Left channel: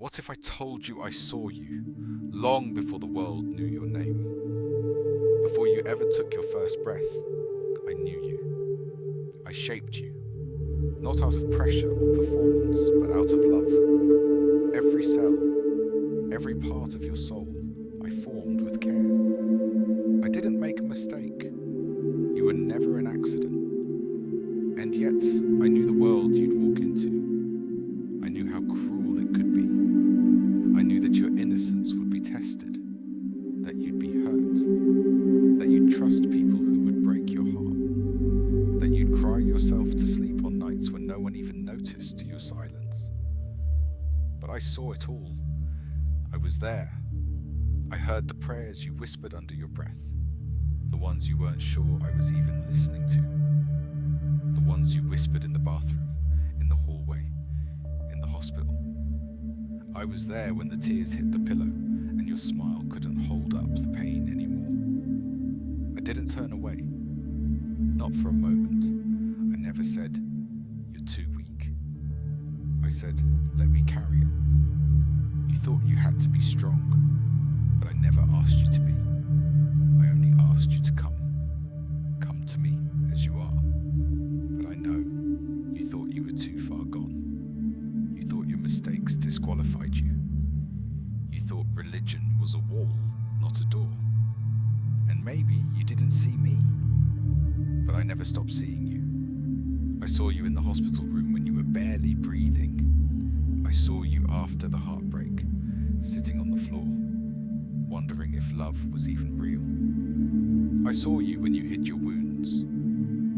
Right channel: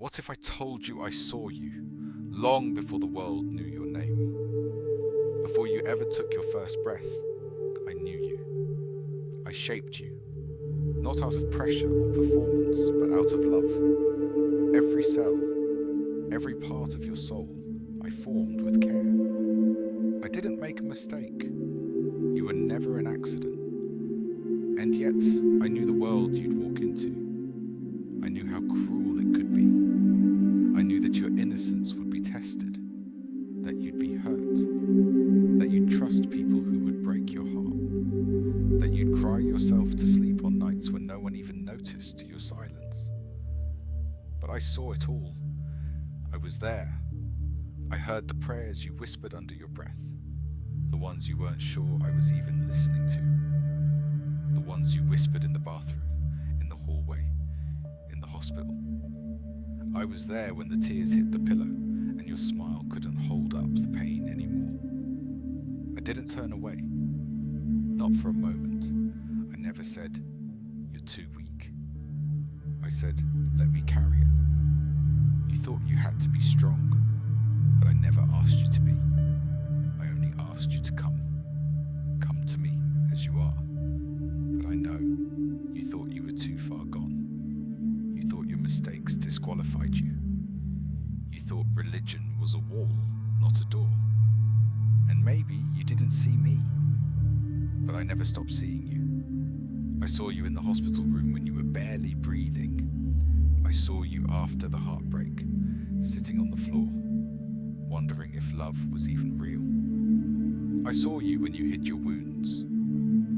What if I told you I saw you, long before the world knew your name? Before you ever took your first breath, I knew you. I shaped you, not out of pressure or performance, but out of love. Every cell, every part of your soul, I formed with care. I didn't make a mistake. You were never an accident. And yet, I knew the world you'd walk into. I knew how cruel it could be. I knew that your innocence would be tested, that you'd be hurt, that you'd trust people who would break your heart, that you'd cry yourself to sleep on nights when no one even noticed your silence. But I saw it all. I was there. I heard the prayers you whispered under your breath, the ones you weren't sure I was even listening to, the ones you whispered in the bathroom, in the hallway, in the hospital. I was there when the tears hit the pillow and your smile couldn't hold up the pain anymore. I didn't turn away, not for a moment. I never said, "You're too weak." I said, "Let me carry it." You thought you had to be strong, but I never asked you to be. I only asked you to come. Come to me as you are. But I know you thought you were too far gone. You thought your mistakes disqualified you. You thought religion was a wall, not a door. And maybe you didn't see me, but I never stopped seeing you. I saw you in the hospital room when you were barely breathing. I saw you after the heartbreak, sitting on the floor, wondering if love was even real. I saw you when you hid your wounds,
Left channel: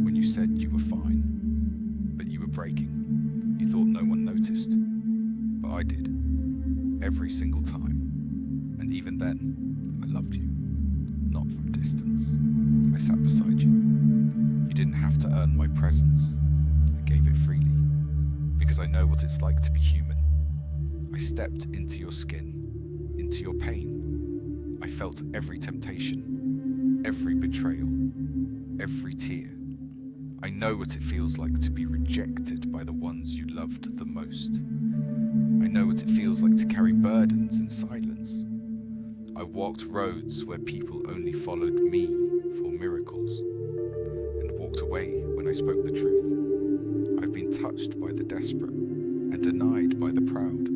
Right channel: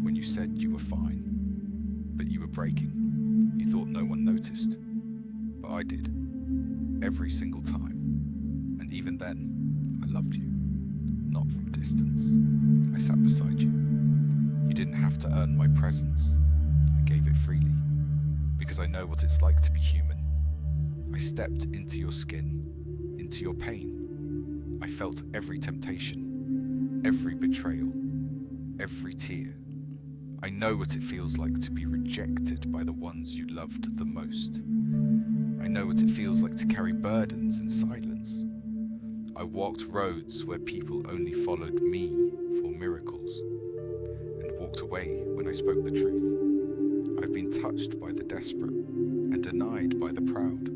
when you said you were fine, but you were breaking. You thought no one noticed, but I did, every single time. And even then, I loved you, not from distance. I sat beside you. You didn't have to earn my presence. I gave it freely, because I know what it's like to be human. I stepped into your skin, into your pain. I felt every temptation, every betrayal, every tear. I know what it feels like to be rejected by the ones you loved the most. I know what it feels like to carry burdens in silence. I walked roads where people only followed me for miracles, and walked away when I spoke the truth. I've been touched by the desperate and denied by the proud.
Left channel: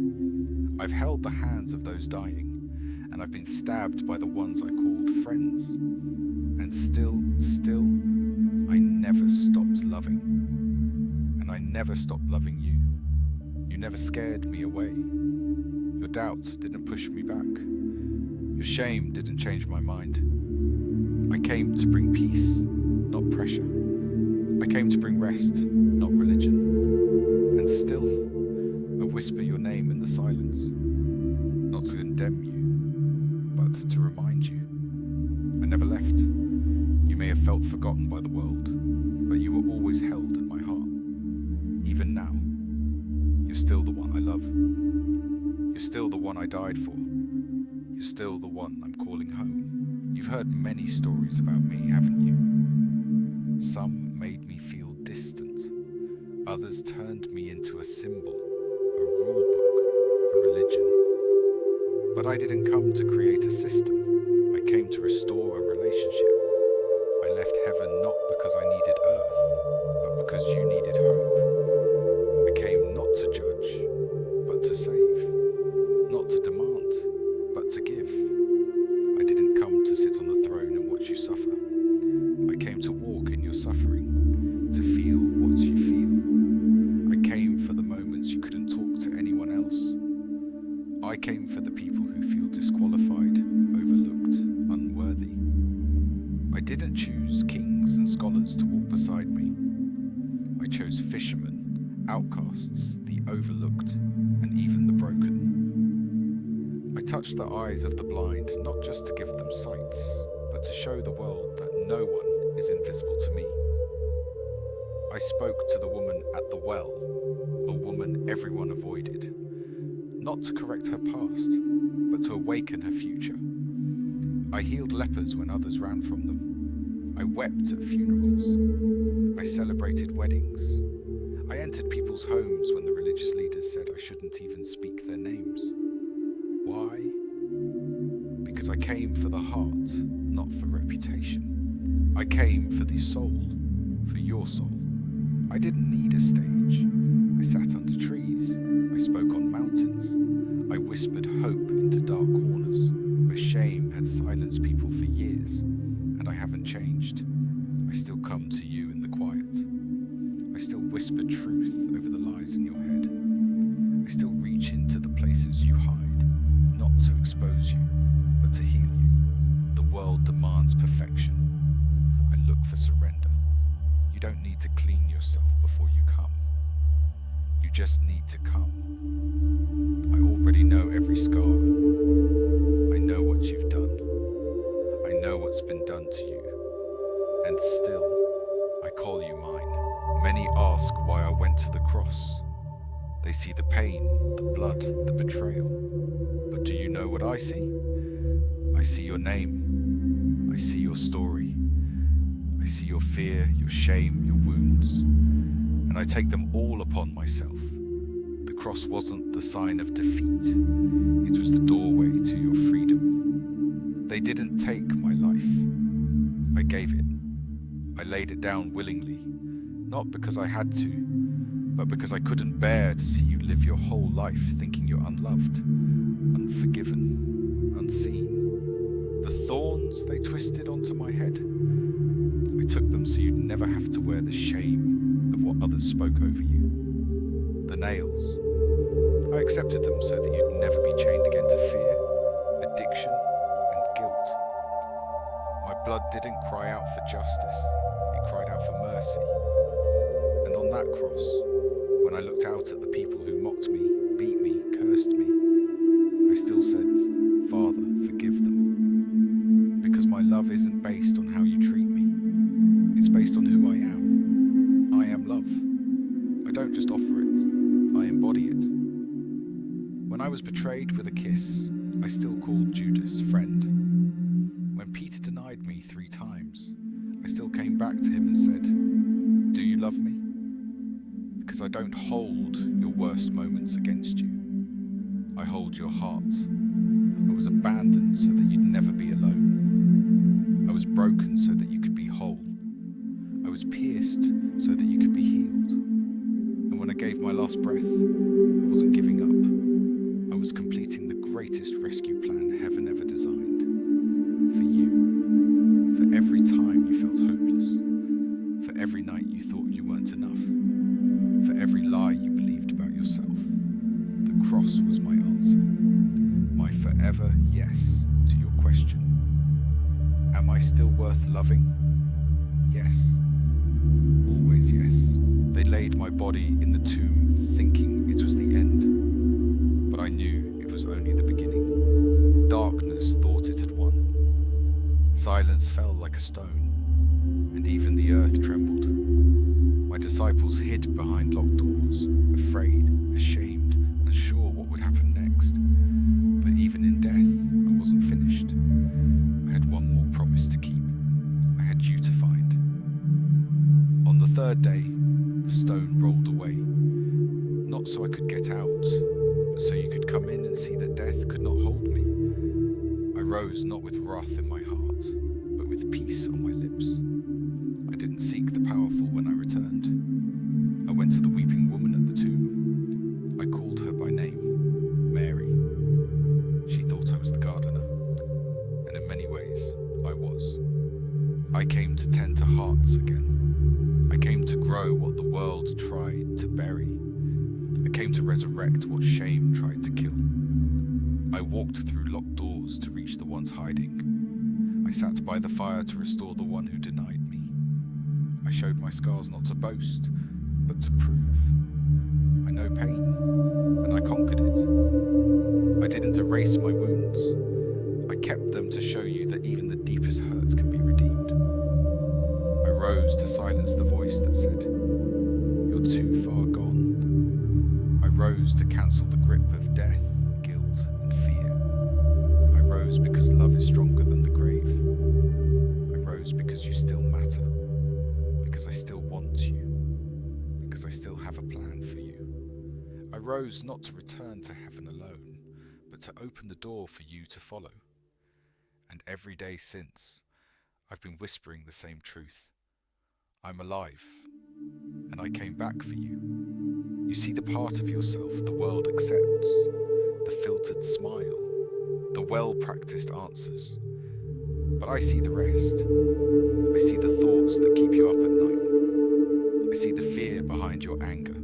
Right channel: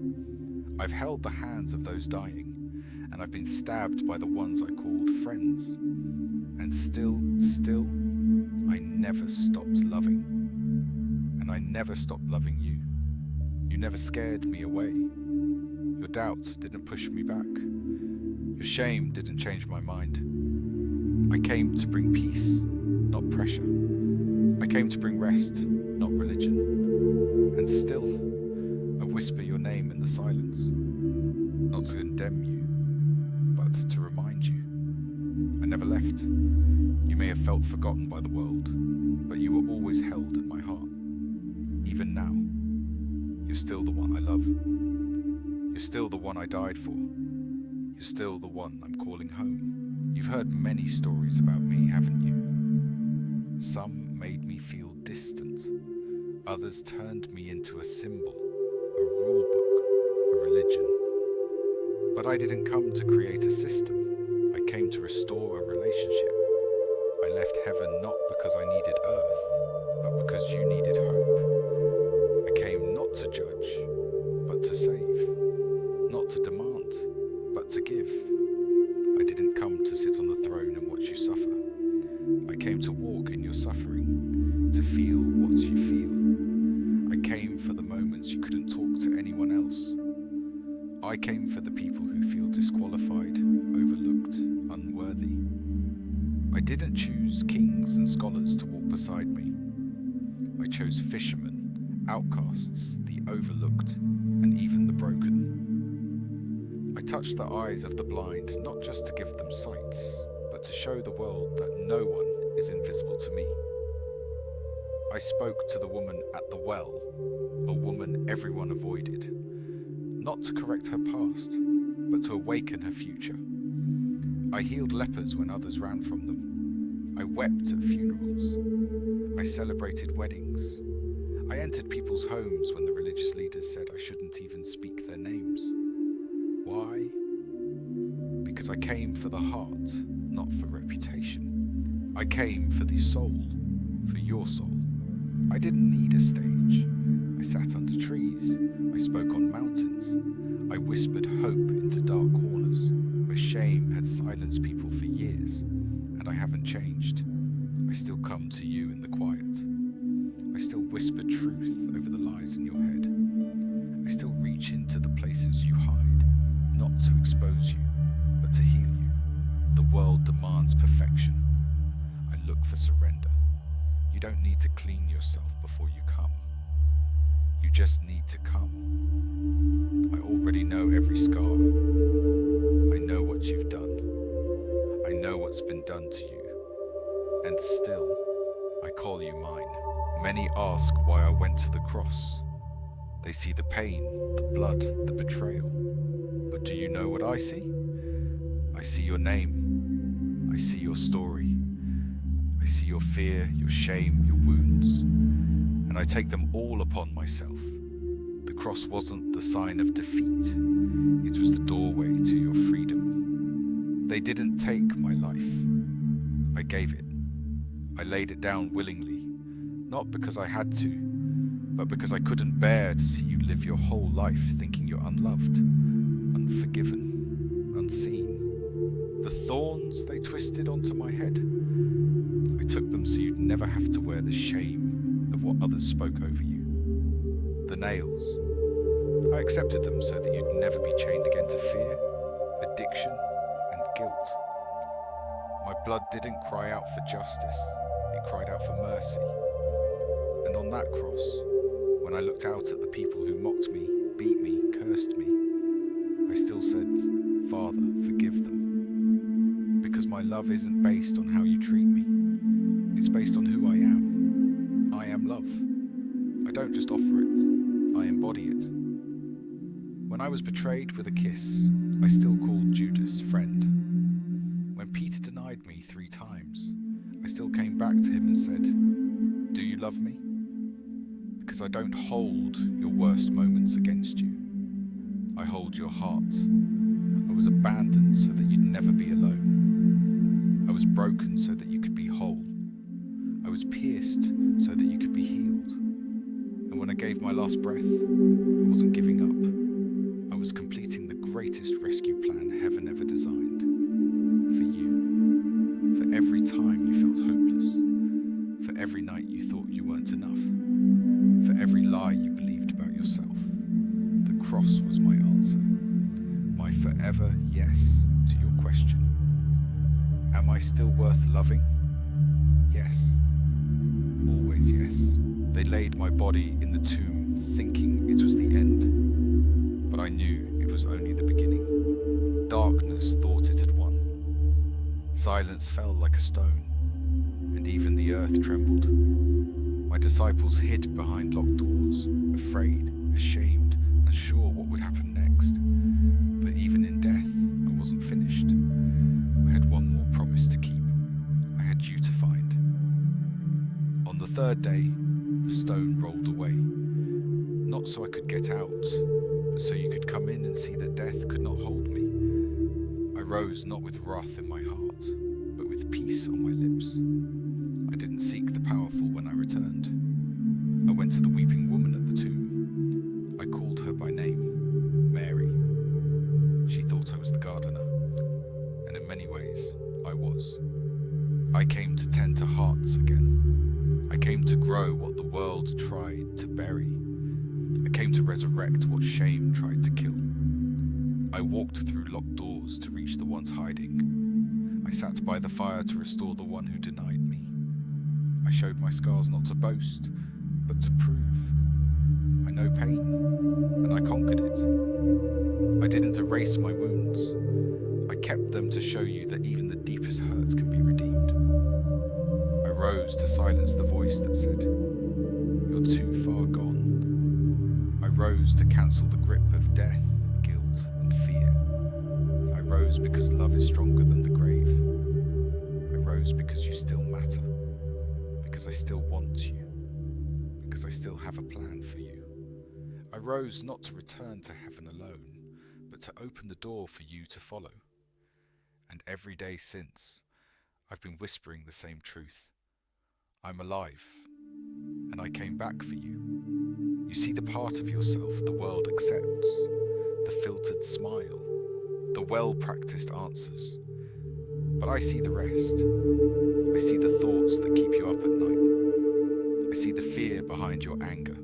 I've held the hands of those dying, and I've been stabbed by the ones I called friends. And still, I never stopped loving. And I never stopped loving you. You never scared me away. Your doubt didn't push me back. Your shame didn't change my mind. I came to bring peace, not pressure. I came to bring rest, not religion. And still, I whisper your name in the silence, not to condemn you, but to remind you. I never left. You may have felt forgotten by the world, but you were always held in my heart. Even now, you're still the one I love. You're still the one I died for. You're still the one I'm calling home. You've heard many stories about me, haven't you? Some made me feel distant. Others turned me into a symbol, a rule book, a religion. But I didn't come to create a system. I came to restore a relationship. I left heaven not because I needed earth, but because you needed hope. I came not to judge, but to save. Not to demand, but to give. I didn't come to sit on the throne and watch you suffer. I came to walk in your suffering, to feel what you feel. I came for the moments you couldn't talk to anyone else. I came for the people who feel disqualified, overlooked, unworthy. I didn't choose kings and scholars to walk beside me. I chose fishermen, outcasts, the overlooked, and even the broken. I touched the eyes of the blind, not just to give them sight, but to show the world that no one is invisible to me. I spoke to the woman at the well, a woman everyone avoided, not to correct her past, but to awaken her future. I healed lepers when others ran from them. I wept at funerals. I celebrated weddings. I entered people's homes when the religious leaders said I shouldn't even speak their names. because I came for the heart, not for reputation. I came for the soul, for your soul. I didn't need a stage. I sat under trees. I spoke on mountains. I whispered hope into dark corners where shame had silenced people for years, and I haven't changed. I still come to you in the quiet. I still whisper truth over the lies in your head. I still reach into the places you hide, not to expose you, but to heal you. The world demands perfection. I look for surrender. You don't need to clean yourself before you come. You just need to come. I already know every scar. I know what you've done. I know what's been done to you. And still, I call you mine. Many ask why I went to the cross. They see the pain, the blood, the betrayal. But do you know what I see? I see your name. I see your story. I see your fear, your shame, your wounds. And I take them all upon myself. The cross wasn't the sign of defeat. It was the doorway to your freedom. They didn't take my life. I gave it. I laid it down willingly, not because I had to, but because I couldn't bear to see you live your whole life thinking you're unloved, unforgiven, unseen. The thorns they twisted onto my head, I took them so you'd never have to wear the shame of what others spoke over you. The nails, I accepted them so that you'd never be chained again to fear, addiction, and guilt. My blood didn't cry out for justice, it cried out for mercy. And on that cross, when I looked out at the people who mocked me, beat me, cursed me, I still said, Father, forgive them. Because my love isn't based on how you treat me. It's based on who I am. I am love. I don't just offer it, I embody it. When I was betrayed with a kiss, I still called Judas friend. When Peter denied me 3 times, I still came back to him and said, do you love me? Because I don't hold your worst moments against you. I hold your heart. I was abandoned so that you'd never be alone. I was broken so that you could be whole. I was pierced so that you could be healed. And when I gave my last breath, I wasn't giving up. I was completing the greatest rescue plan heaven ever designed. For you. For every time you felt hopeless. For every night you thought you weren't enough. For every lie you believed about yourself. The cross was my answer. My forever yes to your question. Am I still worth loving? Yes. Always yes. They laid my body in the tomb thinking it was the end. But I knew it was only the beginning. Darkness thought it had won. Silence fell like a stone, and even the earth trembled. My disciples hid behind locked doors, afraid, ashamed, unsure what would happen next. But even in death, I wasn't finished. I had one more promise to keep. I had you to find. On the 3rd day, the stone rolled away. Not so I could get out, but so you could come in and see that death could not hold me. I rose not with wrath in my heart, but with peace on my lips. I didn't seek the powerful when I returned. I went to the weeping woman at the tomb. I called her by name, Mary. She thought I was the gardener, and in many ways, I was. I came to tend to hearts again. I came to grow what the world tried to bury. I came to resurrect what shame tried to kill. I walked through locked doors to reach the ones hiding. I sat by the fire to restore the one who denied me. I showed my scars not to boast, but to prove. I know pain, and I conquered it. I didn't erase my wounds. I kept them to show you that even the deepest hurts can be redeemed. I rose to silence the voice that said, "You're too far gone." I rose to cancel the grip of death, guilt, and fear. I rose because love is stronger than the grave. I rose because you still matter. Because I still want you. Because I still have a plan for you. I rose not to return to heaven alone, but to open the door for you to follow. And every day since, I've been whispering the same truth. I'm alive, and I came back for you. You see the part of yourself the world accepts, the filtered smile, the well-practiced answers. But I see the rest. I see the thoughts that keep you up at night. I see the fear behind your anger,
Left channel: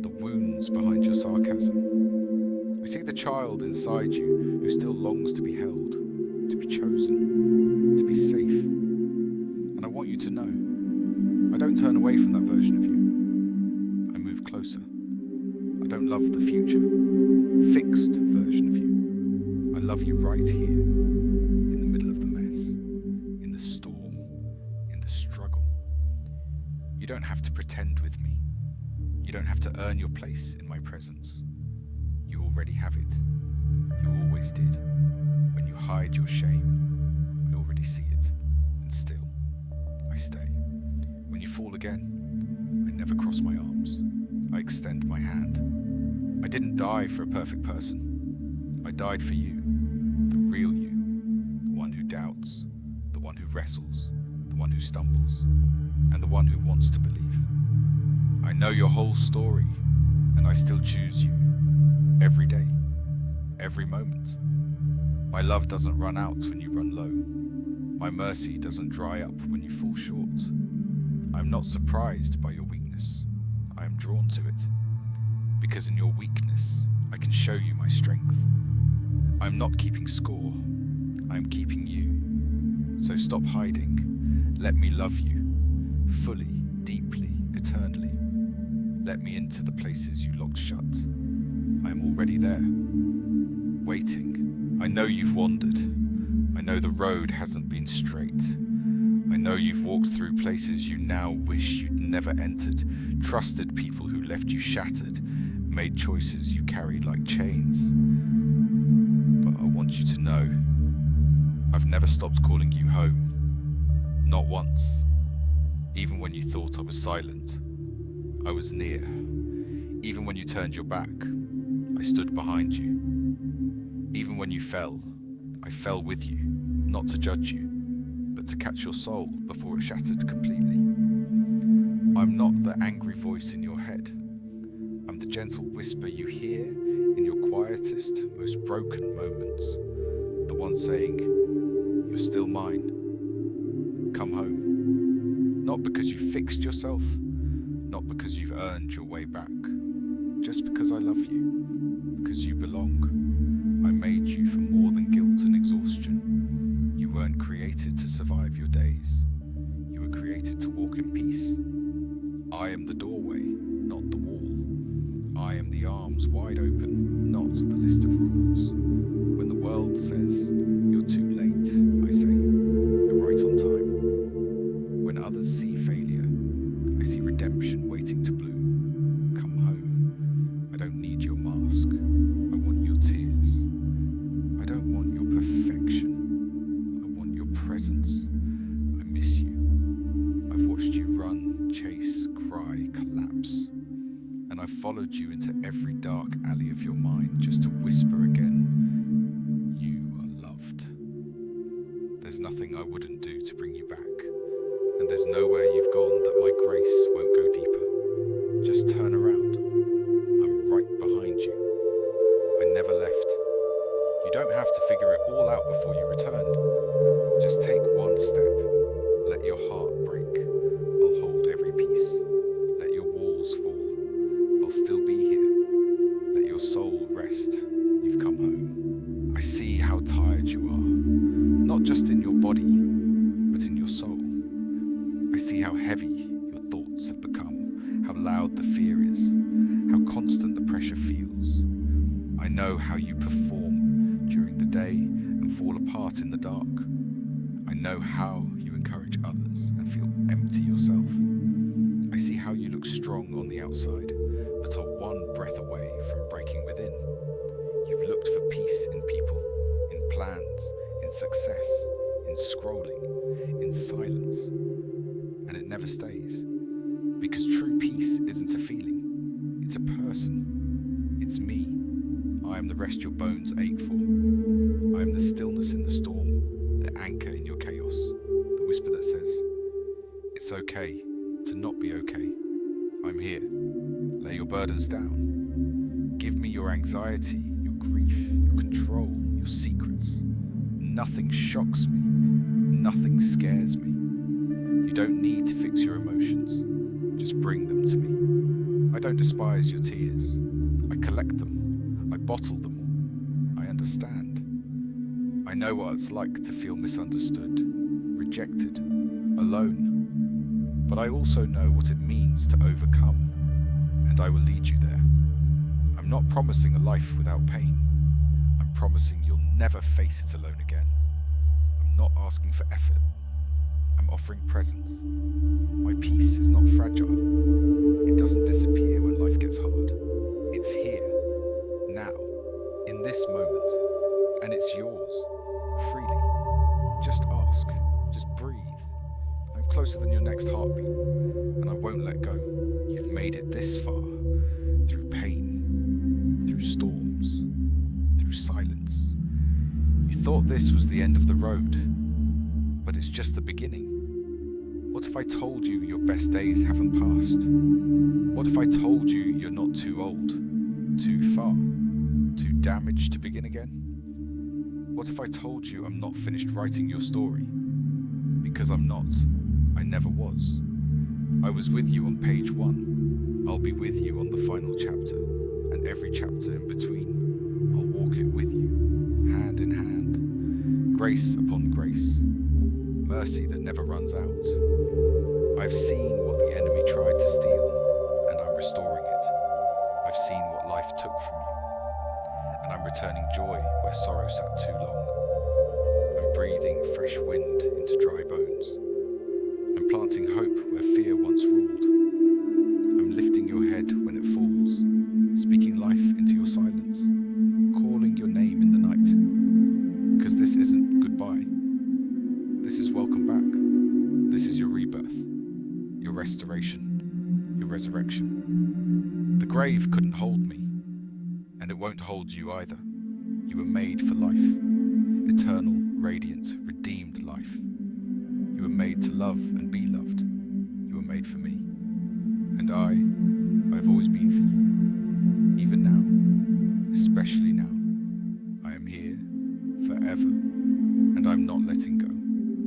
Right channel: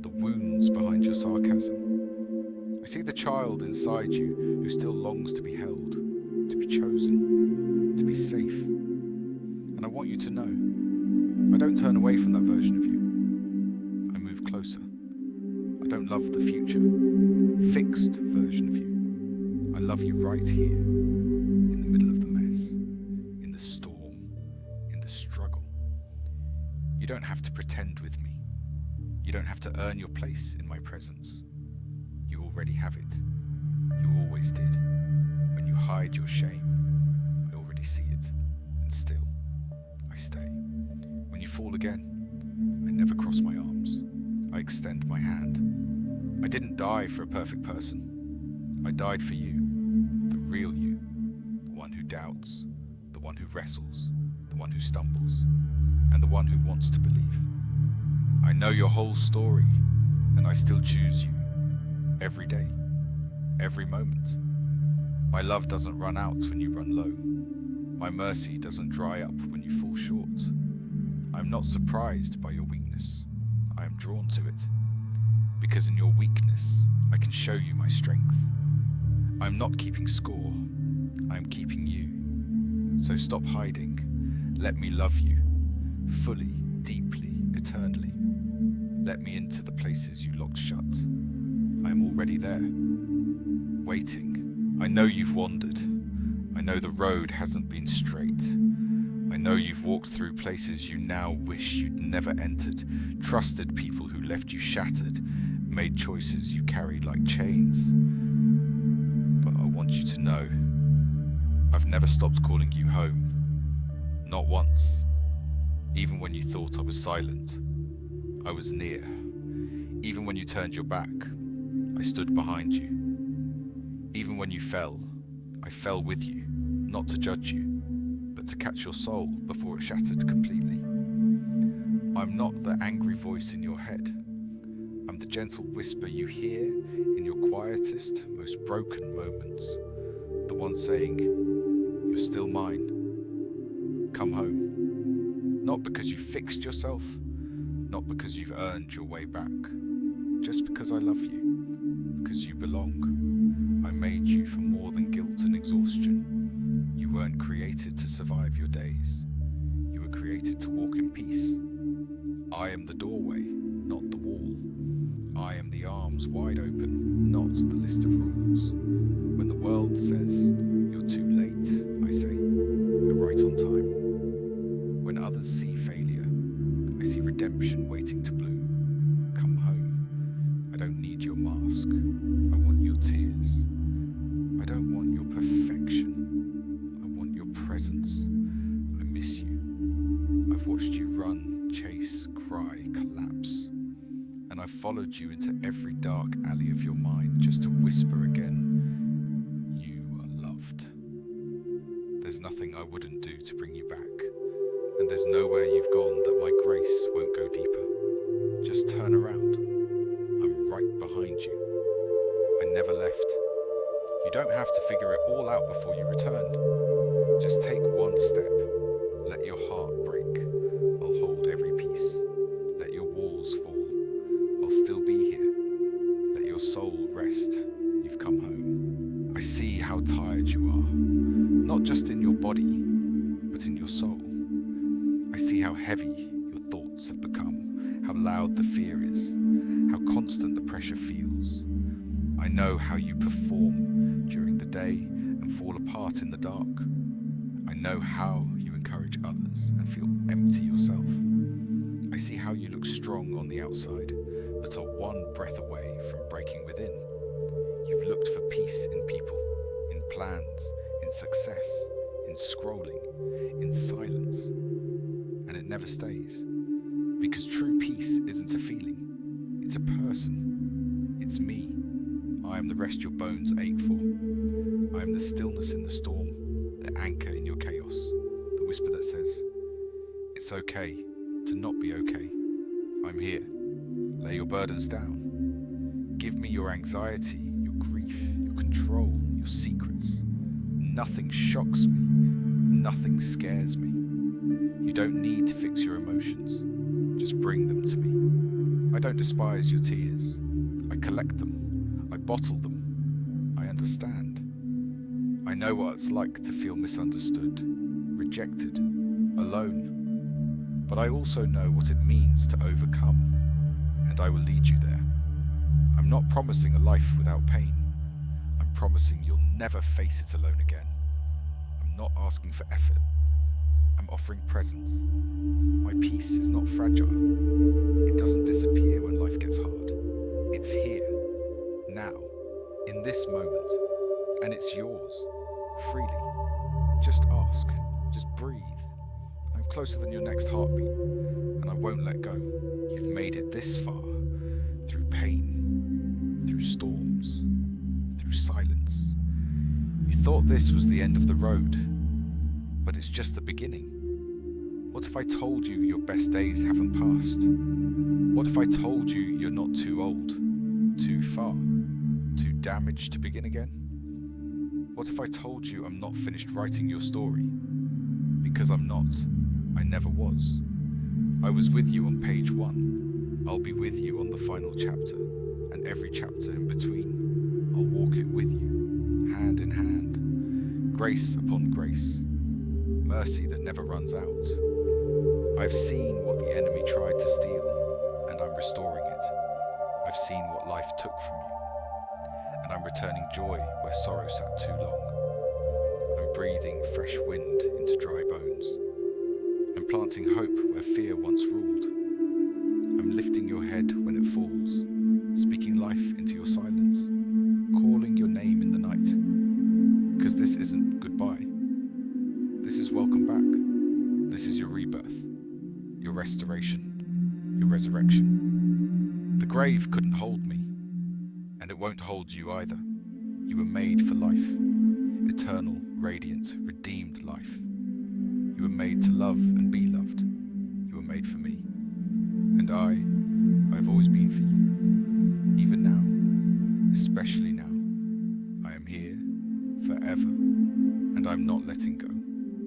the wounds behind your sarcasm. I see the child inside you who still longs to be held, to be chosen, to be safe. And I want you to know, I don't turn away from that version of you. I move closer. I don't love the future, fixed version of you. I love you right here, in the middle of the mess, in the storm, in the struggle. You don't have to pretend with me. You don't have to earn your place in my presence. You already have it. You always did. When you hide your shame, I already see it, and still, I stay. When you fall again, I never cross my arms. I extend my hand. I didn't die for a perfect person. I died for you, the real you, the one who doubts, the one who wrestles, the one who stumbles, and the one who wants to believe. I know your whole story, and I still choose you, every day, every moment. My love doesn't run out when you run low. My mercy doesn't dry up when you fall short. I'm not surprised by your weakness. I am drawn to it. Because in your weakness, I can show you my strength. I'm not keeping score. I am keeping you. So stop hiding. Let me love you. Fully, deeply, eternally. Let me into the places you locked shut. I am already there. Waiting. I know you've wandered. I know the road hasn't been straight. I know you've walked through places you now wish you'd never entered, trusted people who left you shattered, made choices you carried like chains. But I want you to know, I've never stopped calling you home. Not once. Even when you thought I was silent, I was near. Even when you turned your back, I stood behind you. Even when you fell, I fell with you, not to judge you, but to catch your soul before it shattered completely. I'm not the angry voice in your head. I'm the gentle whisper you hear in your quietest, most broken moments. The one saying, "You're still mine. Come home." Not because you fixed yourself, not because you've earned your way back. Just because I love you, because you belong. I made you for more than guilt and exhaustion. You weren't created to survive your days. You were created to walk in peace. I am the doorway, not the wall. I am the arms wide open, not the list of rules. When the world says, "You're too late," I say, "You're right on time." When others see failure, I see redemption waiting to bloom. Come home. I don't need your mask. I want your tears. I don't want your perfection. I want your presence. I miss you. I've watched you run, chase, cry, collapse. And I've followed you into every dark alley of your mind just to whisper again, "You are loved." There's nothing I wouldn't do to bring you back. And there's nowhere you've gone that my grace won't go deeper. Just turn around. I'm right behind you. I never left. You don't have to figure it all out before you return. Just take one step. Let your heart break. I'll hold every piece. Let your walls fall. I'll still be here. Let your soul rest. You've come home. I see how tired you are. Not just in your body, but in your soul. I see how heavy your thoughts have become, how loud the fear is, how constant the pressure feels. I know how you perform during the day and fall apart in the dark. I know how you encourage others and feel empty yourself. I see how you look strong on the outside, but are one breath away from breaking within. You've looked for peace in people, in plans, in success, in scrolling, in silence. And it never stays. Because true peace isn't a feeling, it's a person. It's me. I am the rest your bones ache for. I am the stillness in the storm, the anchor in your chaos, the whisper that says, "It's okay to not be okay. I'm here. Lay your burdens down. Give me your anxiety, your grief, your control, your secrets. Nothing shocks me. Nothing scares me. You don't need to fix your emotions. Just bring them to me. I don't despise your tears. I collect them. I bottle them. I understand. I know what it's like to feel misunderstood, rejected, alone. But I also know what it means to overcome, and I will lead you there. I'm not promising a life without pain. I'm promising you'll never face it alone again. I'm not asking for effort. I'm offering presence. My peace is not fragile. It doesn't disappear when life gets hard. It's here, now, in this moment, and it's yours, freely. Just ask, just breathe. I'm closer than your next heartbeat, and I won't let go. You've made it this far, through pain, through storms, through silence. You thought this was the end of the road, but it's just the beginning. What if I told you your best days haven't passed? What if I told you you're not too old, too far, too damaged to begin again? What if I told you I'm not finished writing your story? Because I'm not. I never was. I was with you on page 1. I'll be with you on the final chapter, and every chapter in between. I'll walk it with you, hand in hand. Grace upon grace. Mercy that never runs out. I've seen what the enemy tried to steal, and I'm restoring it. I've seen what life took from you, and I'm returning joy where sorrow sat too long. I'm breathing fresh wind into dry bones. I'm planting hope where fear once ruled. I'm lifting your head when it falls, speaking life into your silence, calling your name in the night. Because this isn't goodbye. This is welcome back. This is your rebirth, your restoration, your resurrection. The grave couldn't hold me, and it won't hold you either. You were made for life, eternal, radiant, redeemed life. You were made to love and be loved. You were made for me. And I've always been for you. Even now, especially now. I am here, forever, and I'm not letting go.